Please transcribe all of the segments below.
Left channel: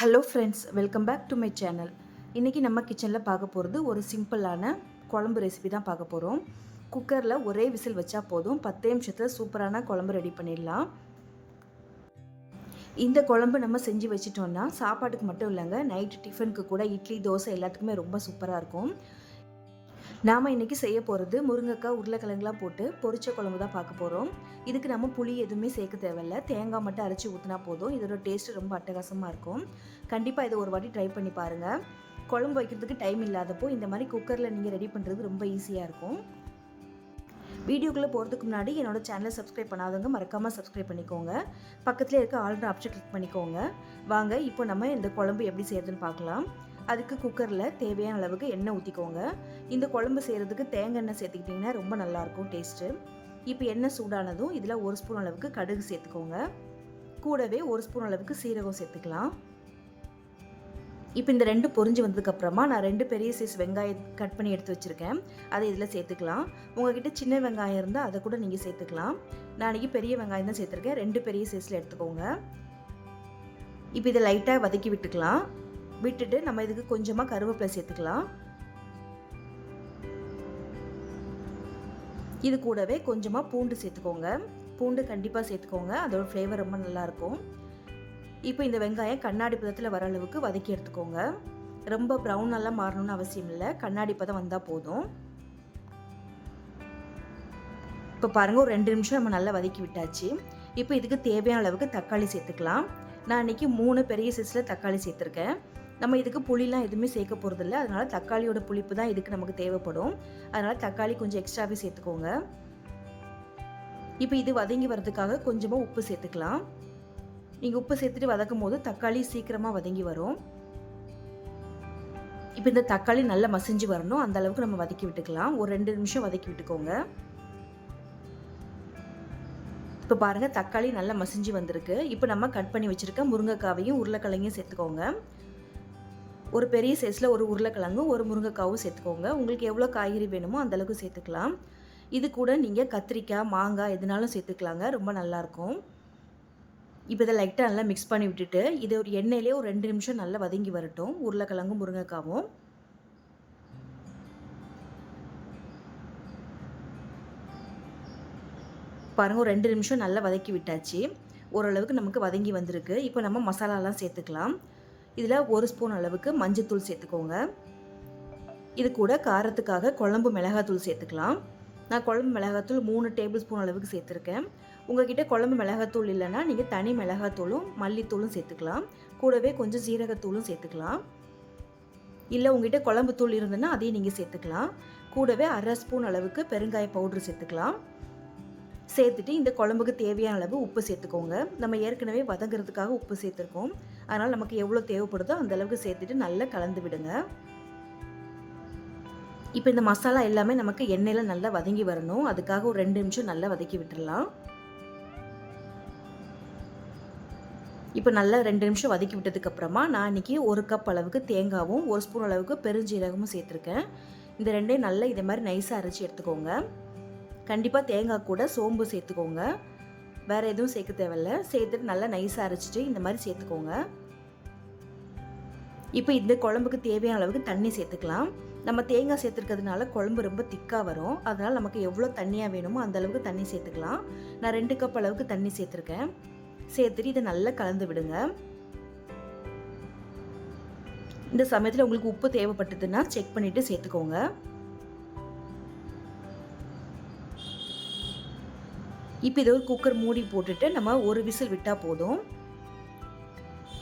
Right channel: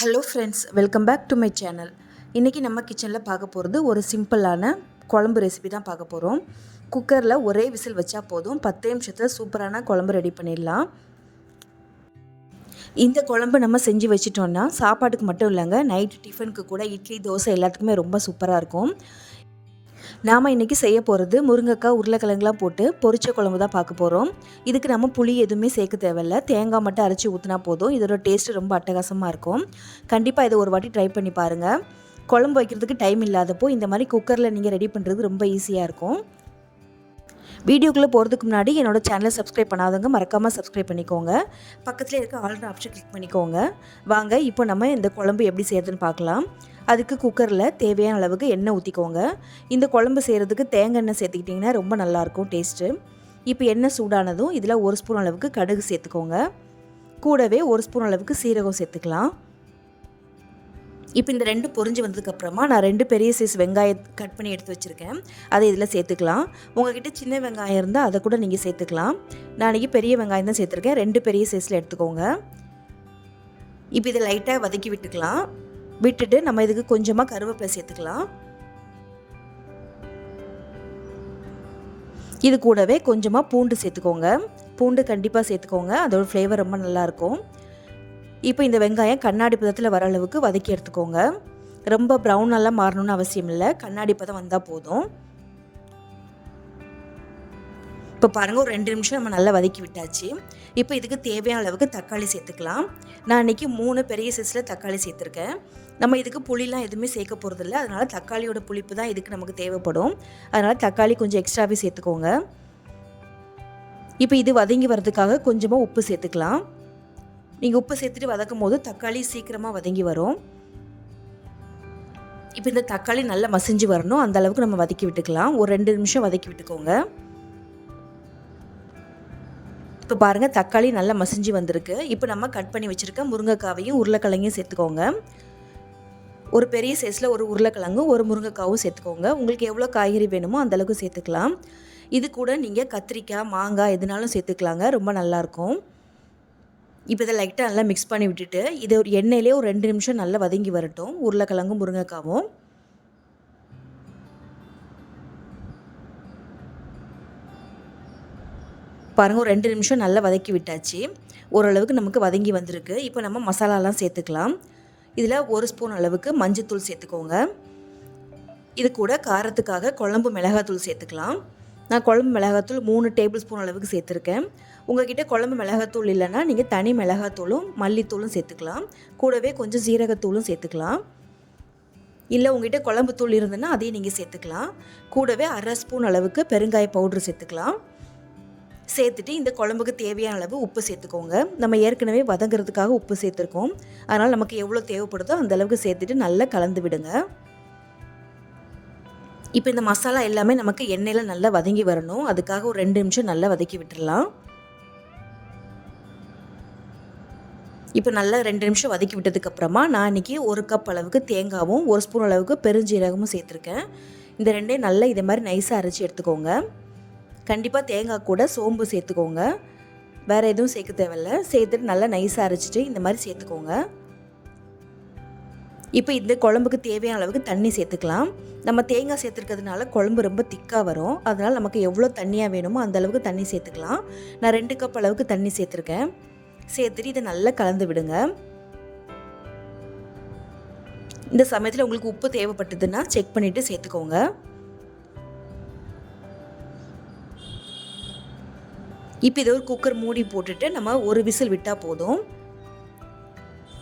Hello friends, welcome back to my channel. இன்றைக்கி நம்ம கிச்சனில் பார்க்க போகிறது ஒரு சிம்பிளான குழம்பு ரெசிபி தான் பார்க்க போகிறோம். குக்கரில் ஒரே விசில் வச்சா போதும், 10 நிமிஷத்தில் சூப்பரான குழம்பு ரெடி பண்ணிடலாம். இந்த குழம்பு நம்ம செஞ்சு வச்சிட்டோன்னா சாப்பாட்டுக்கு மட்டும் இல்லைங்க, நைட் டிஃபனுக்கு கூட இட்லி தோசை எல்லாத்துக்குமே ரொம்ப சூப்பராக இருக்கும். நாம் இன்றைக்கி செய்ய போகிறது முருங்கைக்காய் உருளைக்கிழங்குலாம் போட்டு பொரிச்ச குழம்பு தான் பார்க்க போகிறோம். இதுக்கு நம்ம புளி எதுவுமே சேர்க்க தேவையில்லை, தேங்காய் மட்டும் அரைச்சி ஊற்றினா போதும். இதோட டேஸ்ட்டு ரொம்ப அட்டகாசமாக இருக்கும். கண்டிப்பாக இதை ஒரு வாட்டி ட்ரை பண்ணி பாருங்கள். குழம்பு வைக்கிறதுக்கு டைம் இல்லாதப்போ இந்த மாதிரி குக்கரில் நீங்கள் ரெடி பண்ணுறது ரொம்ப ஈஸியாக இருக்கும். வீடியோக்குள்ளே போகிறதுக்கு முன்னாடி என்னோடய சேனலை சப்ஸ்கிரைப் பண்ணாதவங்க மறக்காமல் சப்ஸ்கிரைப் பண்ணிக்கோங்க. பக்கத்தில் இருக்க ஆல்ரெடி ஆப்ஷன் கிளிக் பண்ணிக்கோங்க. வாங்க இப்போ நம்ம இந்த குழம்பு எப்படி செய்யறதுன்னு பார்க்கலாம். அதுக்கு குக்கரில் தேவையான அளவுக்கு எண்ணெய் ஊற்றிக்கோங்க. இந்த குழம்பு செய்கிறதுக்கு தேங்காய் எண்ணெய் சேர்த்துக்கிட்டிங்கன்னா ரொம்ப நல்லாயிருக்கும் டேஸ்ட்டு. இப்போ எண்ணெய் சூடானதும் இதில் 1 ஸ்பூன் அளவுக்கு கடுகு சேர்த்துக்கோங்க. கூடவே 1 ஸ்பூன் அளவுக்கு சீரகம் சேர்த்துக்கலாம். இப்போ இந்த 2 பொரிஞ்சு வந்ததுக்கப்புறமா நான் 2 பெரிய சைஸ் வெங்காயம் கட் பண்ணி எடுத்து வச்சுருக்கேன். அதை இதில் சேர்த்துக்கலாம். உங்கள்கிட்ட சின்ன வெங்காயம் இருந்தால் அதை கூட நீங்கள் சேர்த்துக்கலாம். நான் இன்றைக்கி பெரிய வெங்காயம் தான் சேர்த்துருக்கேன். 2 பெரிய சைஸில் எடுத்துக்கோங்க. இப்போ இதை லைட்டாக வதக்கி விட்டுக்கலாம். விட்டுட்டு நம்ம இதுக்கு கொஞ்சமாக கருவேப்பிலை சேர்த்துக்கலாம். இது கூடவே கொஞ்சமாக பூண்டு சேர்த்துக்கோங்க. பூண்டு கண்டிப்பாக சேர்த்துக்கோங்க, அதோட ஃப்ளேவர் ரொம்ப நல்லாயிருக்கும். இப்போ இந்த வெங்காயம் கண்ணாடி பதத்தில் வர அளவுக்கு வதக்கி எடுத்துக்கோங்க. ரொம்ப ப்ரௌனெல்லாம் மாறணும்னு அவசியம் இல்லை, கண்ணாடி பதம் வந்தால் போதும். இப்போ பாருங்கள், ஒரு 2 நிமிஷம் நம்ம நல்லா வதக்கி விட்டாச்சு. இப்போ இதுக்கு தேவையான அளவுக்கு தக்காளி சேர்த்துக்கலாம். நான் இன்றைக்கி 3 பெரிய சைஸில் தக்காளி சேர்த்துருக்கேன். நம்ம இதுக்கு புளிலாம் எதுவுமே சேர்க்க போகிறதில்ல, அதனால் தக்காளியோட புளிப்பு தான் இதுக்கு நமக்கு தேவைப்படும். அதனால் தக்காளி கொஞ்சம் எக்ஸ்ட்ராவே சேர்த்துக்கோங்க. இப்போ இது வதங்கி வர்றதுக்காக கொஞ்சமாக உப்பு சேர்த்துக்கலாம். நீங்கள் உப்பு சேர்த்துட்டு வதக்கும் போது தக்காளி சீக்கிரமாக வதங்கி வரும். இப்போ இந்த தக்காளி நல்லா மசிஞ்சு வரணும், அந்த அளவுக்கு நம்ம வதக்கி விட்டுக்கலாம். ஒரு 2 நிமிஷம் வதக்கி விட்டுக்கோங்க. இப்போ பாருங்கள், தக்காளி நல்லா மசிஞ்சு வந்திருக்கு. இப்போ நம்ம கட் பண்ணி வச்சுருக்க முருங்கைக்காவையும் உருளைக்கிழங்கையும் சேர்த்துக்கோங்க. ஒரு பெரிய சைஸில் ஒரு உருளைக்கிழங்கும் ஒரு முருங்கைக்காவும் சேர்த்துக்கோங்க. உங்களுக்கு எவ்வளோ காய்கறி வேணுமோ அந்தளவுக்கு சேர்த்துக்கலாம். இது கூட நீங்கள் கத்திரிக்காய், மாங்காய் எதுனாலும் சேர்த்துக்கலாங்க, ரொம்ப நல்லாயிருக்கும். இப்போ இதை லைட்டாக நல்லா மிக்ஸ் பண்ணி விட்டுட்டு இதை ஒரு எண்ணெயிலே ஒரு 2 நிமிஷம் நல்லா வதங்கி வரட்டும், உருளைக்கிழங்கும் முருங்கைக்காவும். பாருங்கள், ஒரு 2 நிமிஷம் நல்லா வதக்கி விட்டாச்சு. ஓரளவுக்கு நமக்கு வதங்கி வந்திருக்கு. இப்போ நம்ம மசாலாலாம் சேர்த்துக்கலாம். இதில் 1 ஸ்பூன் அளவுக்கு மஞ்சத்தூள் சேர்த்துக்கோங்க. இது கூட காரத்துக்காக குழம்பு மிளகாத்தூள் சேர்த்துக்கலாம். நான் குழம்பு மிளகாத்தூள் 3 டேபிள் ஸ்பூன் அளவுக்கு சேர்த்துருக்கேன். உங்கள்கிட்ட குழம்பு மிளகாத்தூள் இல்லைன்னா நீங்கள் தனி மிளகாத்தூளும் மல்லித்தூளும் சேர்த்துக்கலாம். கூடவே கொஞ்சம் சீரகத்தூளும் சேர்த்துக்கலாம். இல்லை உங்கள்கிட்ட குழம்பு தூள் இருந்ததுன்னா அதையும் நீங்கள் சேர்த்துக்கலாம். கூடவே 1/2 ஸ்பூன் அளவுக்கு பெருங்காய பவுட்ரு சேர்த்துக்கலாம். சேர்த்துட்டு இந்த குழம்புக்கு தேவையான அளவு உப்பு சேர்த்துக்கோங்க. நம்ம ஏற்கனவே வதங்கிறதுக்காக உப்பு சேர்த்துருக்கோம், அதனால் நமக்கு எவ்வளோ தேவைப்படுதோ அந்த அளவுக்கு சேர்த்துட்டு நல்லா கலந்து விடுங்க. இப்போ இந்த மசாலா எல்லாமே நமக்கு எண்ணெயில் நல்லா வதங்கி வரணும், அதுக்காக ஒரு 2 நிமிஷம் நல்லா வதக்கி விட்டுடலாம். இப்போ நல்லா 2 நிமிஷம் வதக்கி விட்டதுக்கப்புறமா நான் இன்றைக்கி 1 கப் அளவுக்கு தேங்காவும் 1 ஸ்பூன் அளவுக்கு பெருஞ்சீரகமும் சேர்த்துருக்கேன். இந்த ரெண்டையும் நல்லா இதை மாதிரி நைஸாக அரைச்சி எடுத்துக்கோங்க. கண்டிப்பாக தேங்காய் கூட சோம்பு சேர்த்துக்கோங்க, வேறு எதுவும் சேர்க்க தேவையில்லை. சேர்த்துட்டு நல்லா நைஸாக அரைச்சிட்டு இந்த மாதிரி சேர்த்துக்கோங்க. இப்போ இந்த குழம்புக்கு தேவையான அளவுக்கு தண்ணி சேர்த்துக்கலாம். நம்ம தேங்காய் சேர்த்துருக்கிறதுனால குழம்பு ரொம்ப திக்காக வரும், அதனால் நமக்கு எவ்வளோ தண்ணியாக வேணுமோ அந்த அளவுக்கு தண்ணி சேர்த்துக்கலாம். நான் 2 கப் அளவுக்கு தண்ணி சேர்த்துருக்கேன். சேர்த்துட்டு இதை நல்லா கலந்து விடுங்க. இந்த சமயத்தில் உங்களுக்கு உப்பு தேவைப்பட்டதுன்னா செக் பண்ணிவிட்டு சேர்த்துக்கோங்க. இப்போ இதை ஒரு குக்கர் மூடி போட்டுட்டு நம்ம ஒரு விசில் விட்டால் போதும்.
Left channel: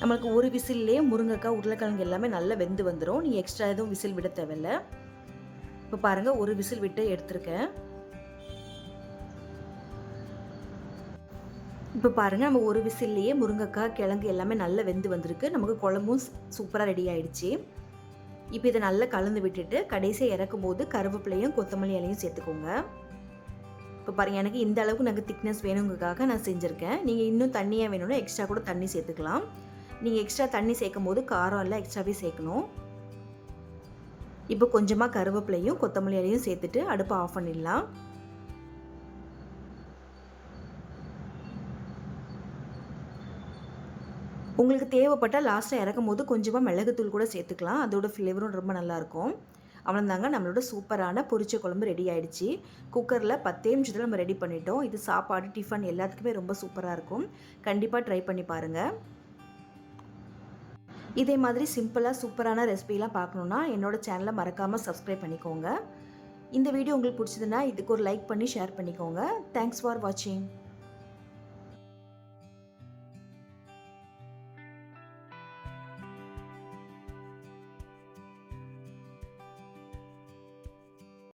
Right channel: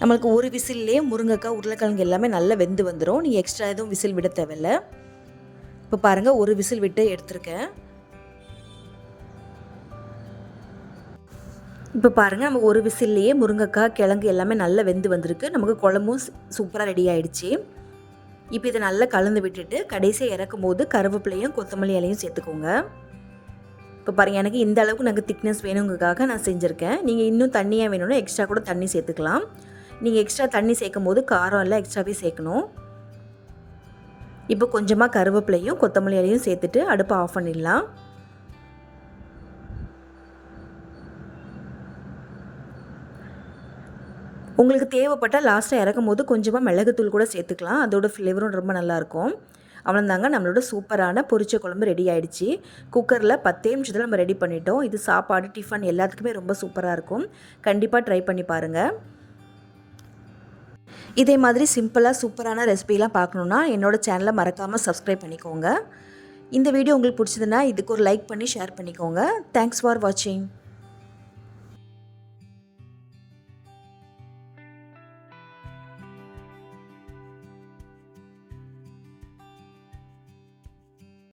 நம்மளுக்கு ஒரு விசில்லே முருங்கைக்காய் உருளைக்கிழங்கு எல்லாமே நல்லா வெந்து வந்துடும். நீங்கள் எக்ஸ்ட்ரா எதுவும் விசில் விட தேவையில்லை. இப்போ பாருங்கள், ஒரு விசில் விட்டு எடுத்துருக்கேன். இப்போ பாருங்கள், நம்ம ஒரு விசில்லையே முருங்கைக்காய் கிழங்கு எல்லாமே நல்லா வெந்து வந்திருக்கு. நமக்கு குழம்பும் சூப்பராக ரெடி ஆகிடுச்சு. இப்போ இதை நல்லா கலந்து விட்டுட்டு கடைசியாக இறக்கும் போது கருவேப்பிலையும் கொத்தமல்லி இலையும் சேர்த்துக்கோங்க. இப்போ பாருங்கள், எனக்கு இந்த அளவுக்கு எனக்கு திக்னஸ் வேணுங்கிறதுக்காக நான் செஞ்சுருக்கேன். நீங்கள் இன்னும் தண்ணியாக வேணும்னா எக்ஸ்ட்ரா கூட தண்ணி சேர்த்துக்கலாம். நீங்கள் எக்ஸ்ட்ரா தண்ணி சேர்க்கும் போது காரம் எல்லாம் எக்ஸ்ட்ராவே சேர்க்கணும். இப்போ கொஞ்சமாக கருவேப்பிலையும் கொத்தமல்லி இலையும் சேர்த்துட்டு அடுப்பை ஆஃப் பண்ணிடலாம். உங்களுக்கு தேவைப்பட்டால் லாஸ்ட்டாக இறக்கும்போது கொஞ்சமாக மிளகுத்தூள் கூட சேர்த்துக்கலாம். அதோட ஃப்ளேவரும் ரொம்ப நல்லாயிருக்கும். அவ்வளோதாங்க, நம்மளோட சூப்பரான பொரிச்ச குழம்பு ரெடி ஆகிடுச்சு. குக்கரில் 10 நிமிஷத்தில் நம்ம ரெடி பண்ணிட்டோம். இது சாப்பாடு, டிஃபன் எல்லாத்துக்குமே ரொம்ப சூப்பராக இருக்கும். கண்டிப்பாக ட்ரை பண்ணி பாருங்கள். இதே மாதிரி சிம்பிளாக சூப்பரான ரெசிபிலாம் பார்க்கணுன்னா என்னோடய சேனலை மறக்காமல் சப்ஸ்கிரைப் பண்ணிக்கோங்க. இந்த வீடியோ உங்களுக்கு பிடிச்சதுன்னா இதுக்கு ஒரு லைக் பண்ணி ஷேர் பண்ணிக்கோங்க. தேங்க்ஸ் ஃபார் வாட்சிங்.